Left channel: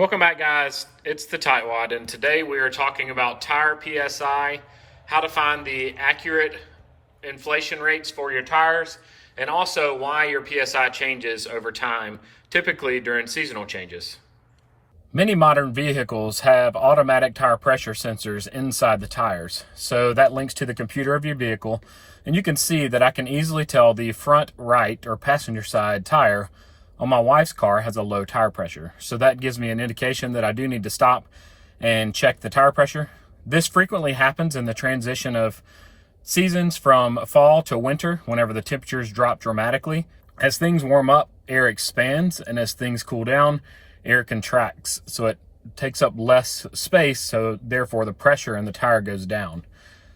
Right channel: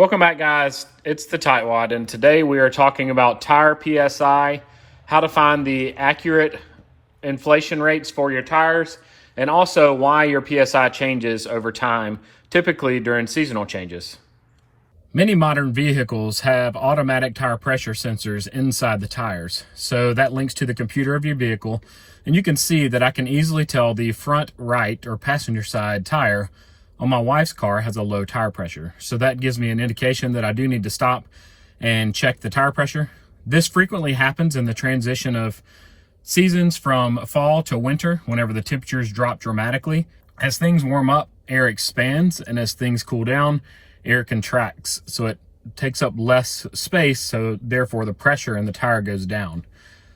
Welcome back, guys. It's the Tightwad, and today we are talking about tire PSI, how to find the accurate inflation rates for your tires, and also why your PSI changes over time, typically during seasonal changes. Many modern vehicles have automatic tire pressure sensors inside the tires, so that links to the computer of your vehicle, and you can see that I can easily tell the front right or passenger side tire on my wife's car has a low tire pressure. So that gives me an indication that I do need to stop and check the tire pressure. This frequently happens in the transition of seasons from fall to winter, whenever the temperatures drop dramatically. As things warm up, air expands, and as things cool down, air contracts. So it takes up less space, so therefore the pressure in the tire goes down.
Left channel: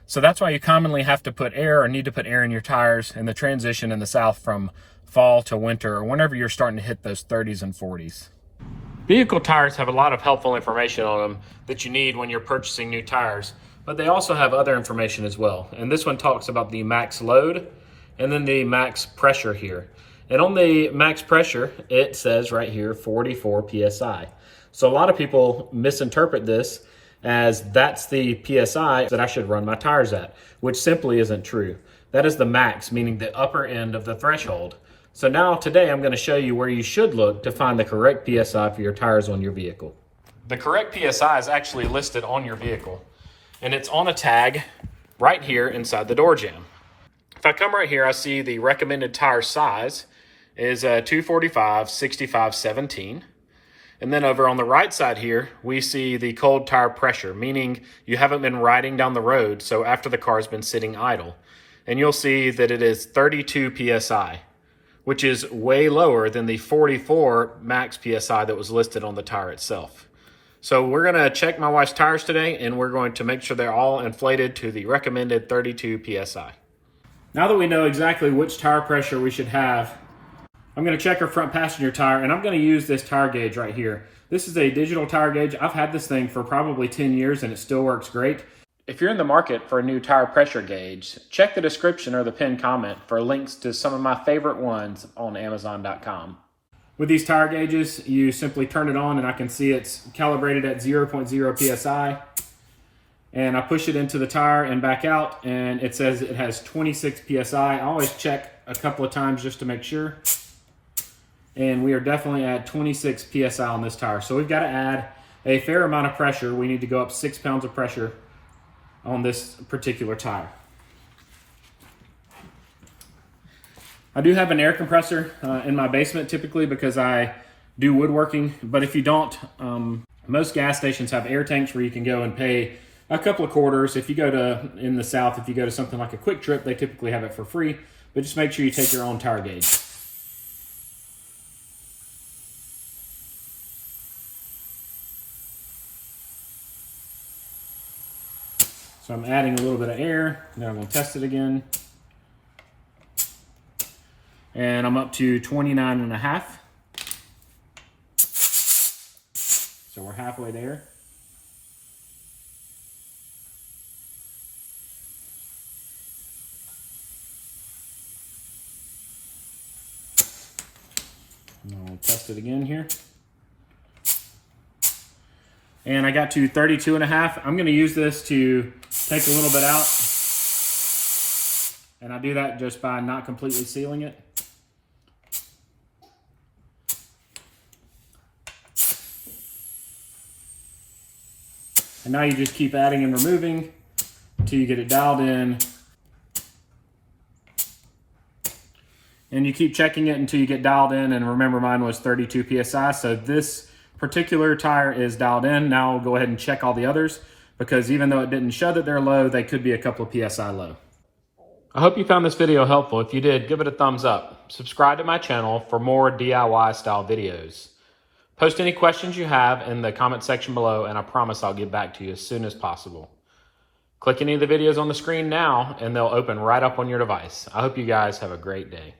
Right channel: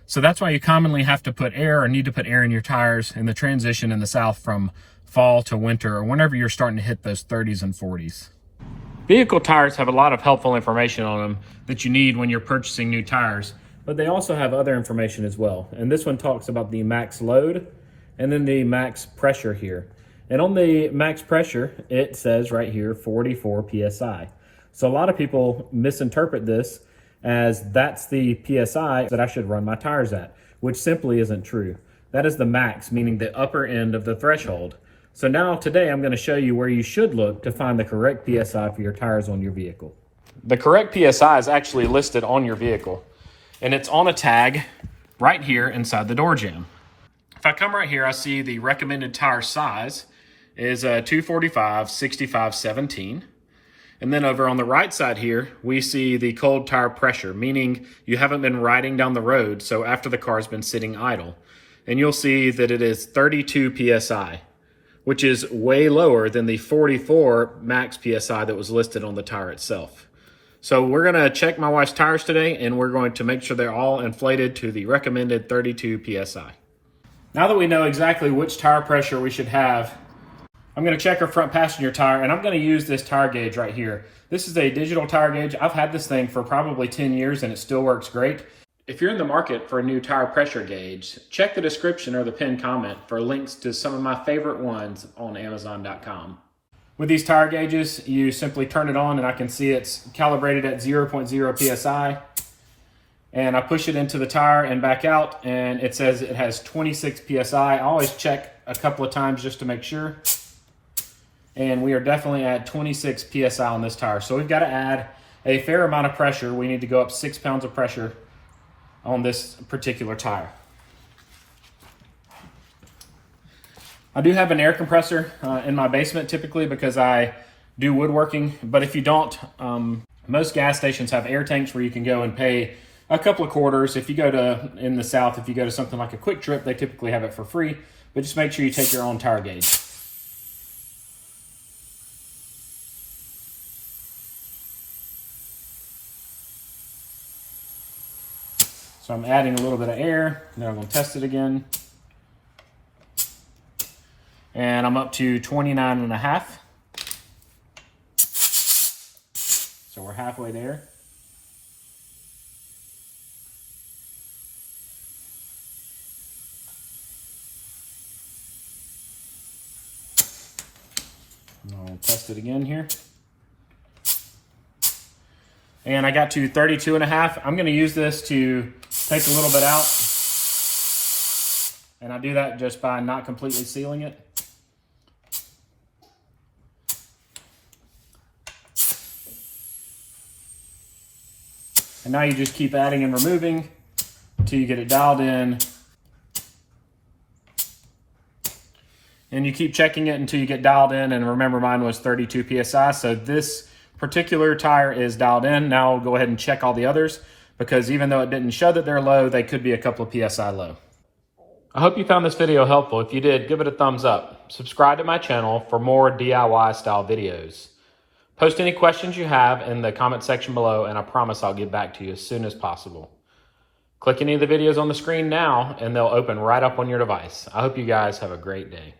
So that's why you commonly have to put air or need to put air in your tires in the transition in the South from fall to winter, or whenever you're starting to hit those 30s and 40s. Vehicle tires have a lot of helpful information on them that you need when you're purchasing new tires, but they also have other information as well. And this one talks about the max load and then the max pressure here. And on the max pressure, it says right here 44 PSI. So a lot of people misinterpret this as that's the PSI that I should run my tires at, which simply isn't true. That is the max, meaning the upper end of the threshold. So now today I'm going to show you where you should look to find the correct PSI for your tires on your vehicle. The correct PSI is actually listed on your vehicle, and it's on a tag right here inside the door jamb. If I come right here, I see the recommended tire size is a 245 65 17. And then over on the right side here, we see the cold tire pressure, meaning you haven't been riding down the road, so after the car's been sitting idle. And you'll see that it is 32 PSI. Which is way lower than the 44 max PSI that was listed on the tire itself. So we're gonna check my wife's tires today, and we're going to make sure they're all inflated to the recommended 32 PSI. Now that we know exactly which tire pressure we should have, I'm gonna check our front passenger tire, and I'm gonna use this tire gauge right here. This is a digital tire gauge. I've had this thing for probably 10 years and it still works great. If you're in the market for a new tire pressure gauge, check the description or the pinned comment for links to some of my favorite ones on Amazon.com. With these tire gauges, you simply turn it on and I can see it's calibrated at 0.0 PSI. And I push it into the tire and back out, and it says it has 26 PSI. I always check a couple of times just to make sure. And we are definitely at 26 PSI on this tire. So we've got to add a fair amount of pressure. We need to go up 6 pounds of pressure on this particular tire. I do have an air compressor in my basement typically because I do woodworking, but if you don't, most gas stations have air tanks where you can go and pay a couple of quarters. If you go to, in the South, if you go to something like a Quick Trip, they typically have it for free, but just make sure you take your own tire gauge. So I'm adding a little bit of air, then I'm gonna test it again. And I'm up to 29.5. So we're halfway there. And I'll test it again here. And I got to 32.5. I'm gonna use this to take a little bit out. And I do that just by not completely sealing it. And now you just keep adding and removing until you get it dialed in. And you keep checking it until you get dialed in. And remember, mine was 32 PSI. So this particular tire is dialed in. Now I'll go ahead and check all the others, because even though it didn't show that they're low, they could be a couple of PSI low. I hope you found this video helpful. If you did, give it a thumbs up. Subscribe to my channel for more DIY style videos. Post any questions you have in the comment section below, and I promise I'll get back to you as soon as possible. Click any of the videos on the screen now, and they'll open right up on your device. I hope you guys have a great day.